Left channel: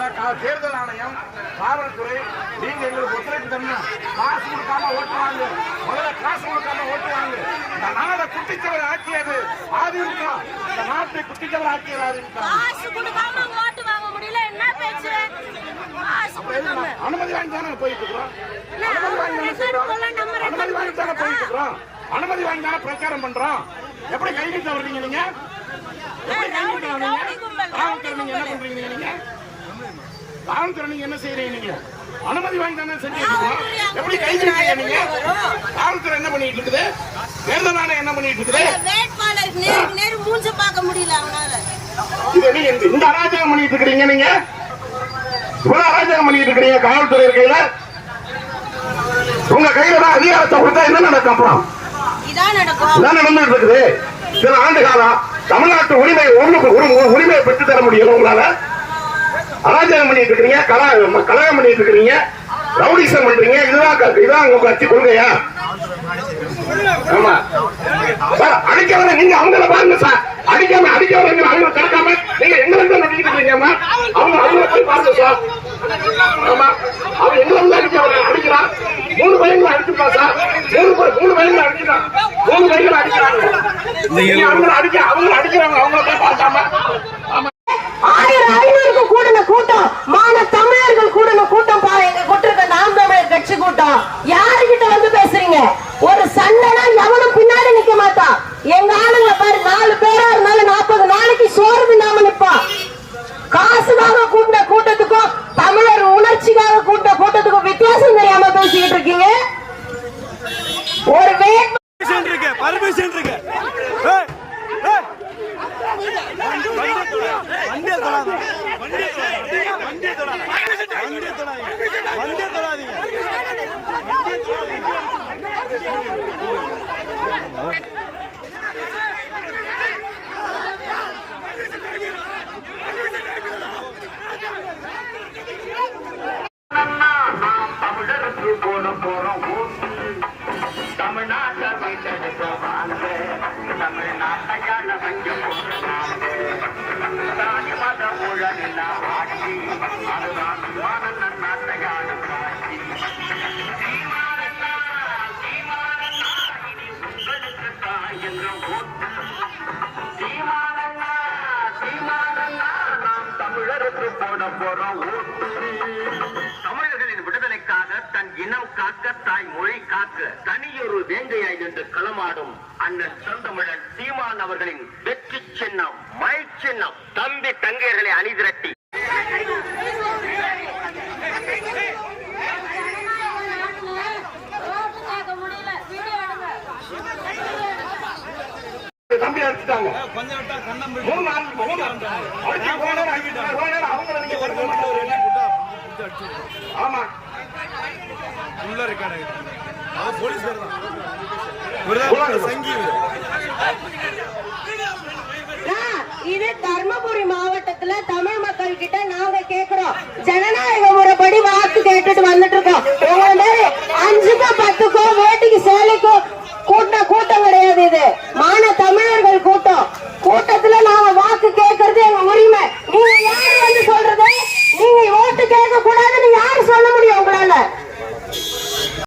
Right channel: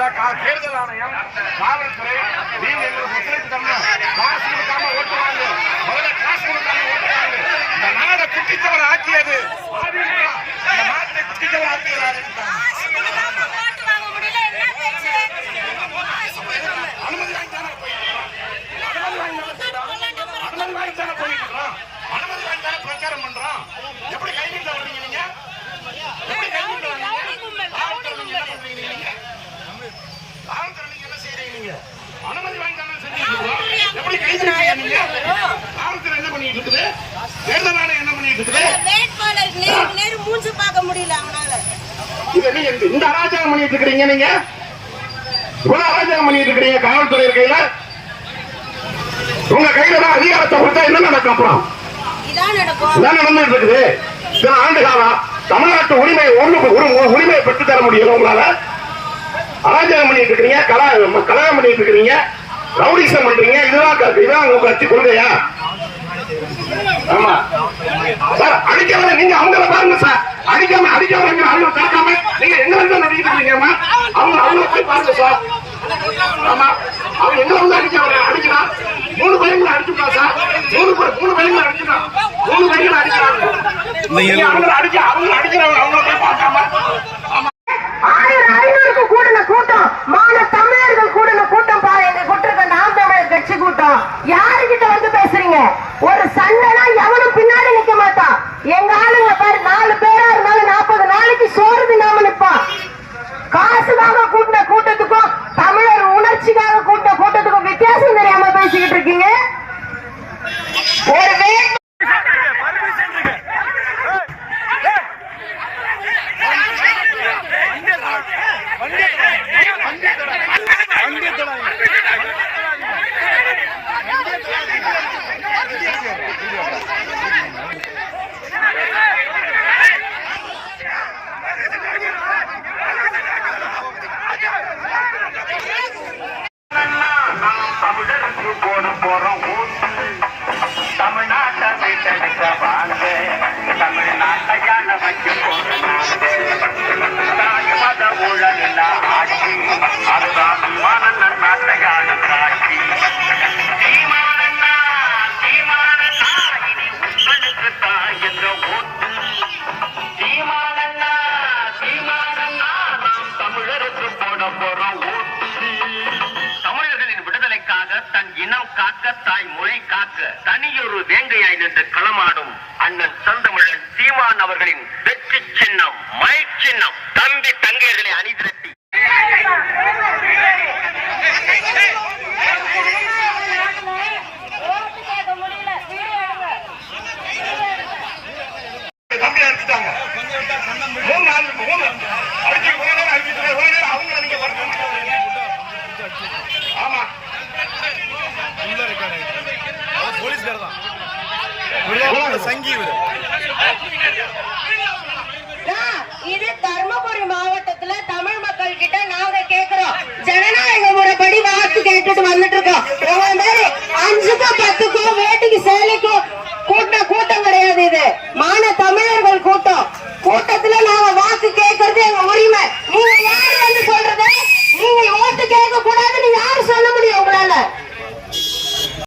தேர்தல் ஆணையம் காவல்துறை நீங்க எங்களுக்கு ஒத்துழைப்பு தரணும் காசு கொடுக்காம ஓட்டு வாங்க முதல்ல காசு கொடுக்காம ஓட்டு வாங்க இந்த நாட குட்டித்தவர் ஆக்கியது ஆதிமுக இந்த நாட்டை குட்டித்தவர் ஆக்கியது அனுமதி வாங்கி தானே போயிட்டு தானே போயிட்டு அனுமதி வாங்கி தானே பிரச்சாரம் பண்றோம்? எப்படி கைவிட்டு வர்றீங்க நீங்க? எப்படி கைவிட்டு வர்றீங்க? என்ன பண்றீங்க நீங்க? காவல்துறை நீங்க என்ன செய்றீங்க நீங்க? அனுமதி வாங்கி தானே இருக்கோம் எப்படி கை நீட்டீங்க நீங்க? காவல்துறை என்ன பண்ணிட்டு இருக்குது? தேர்தல் ஆணையம் என்ன பண்ணிட்டு இருக்குது? மூஞ்ச பார்க்க முடியல இந்த- அராஜகம் பண்ணிட்டு இருக்கிறீங்க நீங்க? இவ்வளவு அராஜகம் பண்ணிட்டு இருக்கிறீங்க காவல்துறை கையில? உங்க கையில தான் அதிகாரத்தை கொடுத்தா என்ன நடக்கும் அப்புறம்? இதான் நடந்துட்டு இருக்குது. சில ஆண்டு காலம் தமிழ்நாட்டு உரிமை உரிமையை பெற்று தர முடியல உங்களால? அராஜகம் பண்ணிட்டு இருக்கிறீங்க கலா கலகம் பண்ணிட்டு இருக்கிறீங்க ரவுடிசம் பண்றீங்க இதுதான் இதுதான் உங்க கட்சி கொள்கையா? ஆமா. சார் அடிக்காம நீங்க அவங்கள பாருங்க சார். அடிக்காம அடிக்காம நீங்க அவங்க நீங்க எங்க வந்து இருக்கீங்கம்மா அவங்க அவங்க போய் பாருங்க சார். ஆமா. அவன் எங்க வந்து அடிக்க அடிக்கிறான் மூணு பையன்களை அடிச்சுட்டான் சார். மூணு மூணு பையன்களை அடிச்சுட்டான் மூணு பையன்களை அடிக்கிறாங்க. நீங்க அவங்கள அடிக்க அவங்க அடிக்கிறாங்க அவங்கள போய் பார்க்காம. ஆமா. மான தமிழர்கள் கூட கூட்டம் பா எங்க கொட்டிருக்க நாம் தமிழர் கட்சி கூட்டம். யாருகிட்ட வந்து பேசுறீங்க? ஒரு சண்டைனா எவனும் பின்னாடி நிக்க மாட்டான். எங்க ஆளுங்க பாரு நாலு பேரா இருந்தாலும் நாற்பது நாளைக்கு சோறு தின்னாம நிப்பான். காசுக்காக கூட்டின கூட்டத்துக்கும் தமிழர் உணர்ச்சிக்காக கூட்டின கூட்டத்துக்கும் வித்தியாசம் தெரியாம பேசிக்கிட்டு இருக்கீங்க. ஒரு வண்டியை தொடாதீங்க. வண்டியை தொடாதீங்க. வண்டியை தொடாதீங்க. வண்டியை தொடாதீங்க. தமிழர்களின் விடுதலைக்காக தன் இனம் காக்க தாய் மொழி காக்க தனியொரு வேங்கையாய் நின்று களமாடும் அண்ணன் தந்தமிழன் சீமான் அவர்களின் வெற்றி சின்னம் மை சின்னம். தம்பி போலீஸ்கார் தான். இவர்தான் சங்கி இது தர்மபுரி மாவட்டத்துல தமிழ் மக்கள் கிட்ட நாங்க கேக்குறோம். ஜனநாயக முறைப்படி வாக்கு கேட்டுட்டு வந்துட்டு இருக்கோம். உங்களை மாதிரி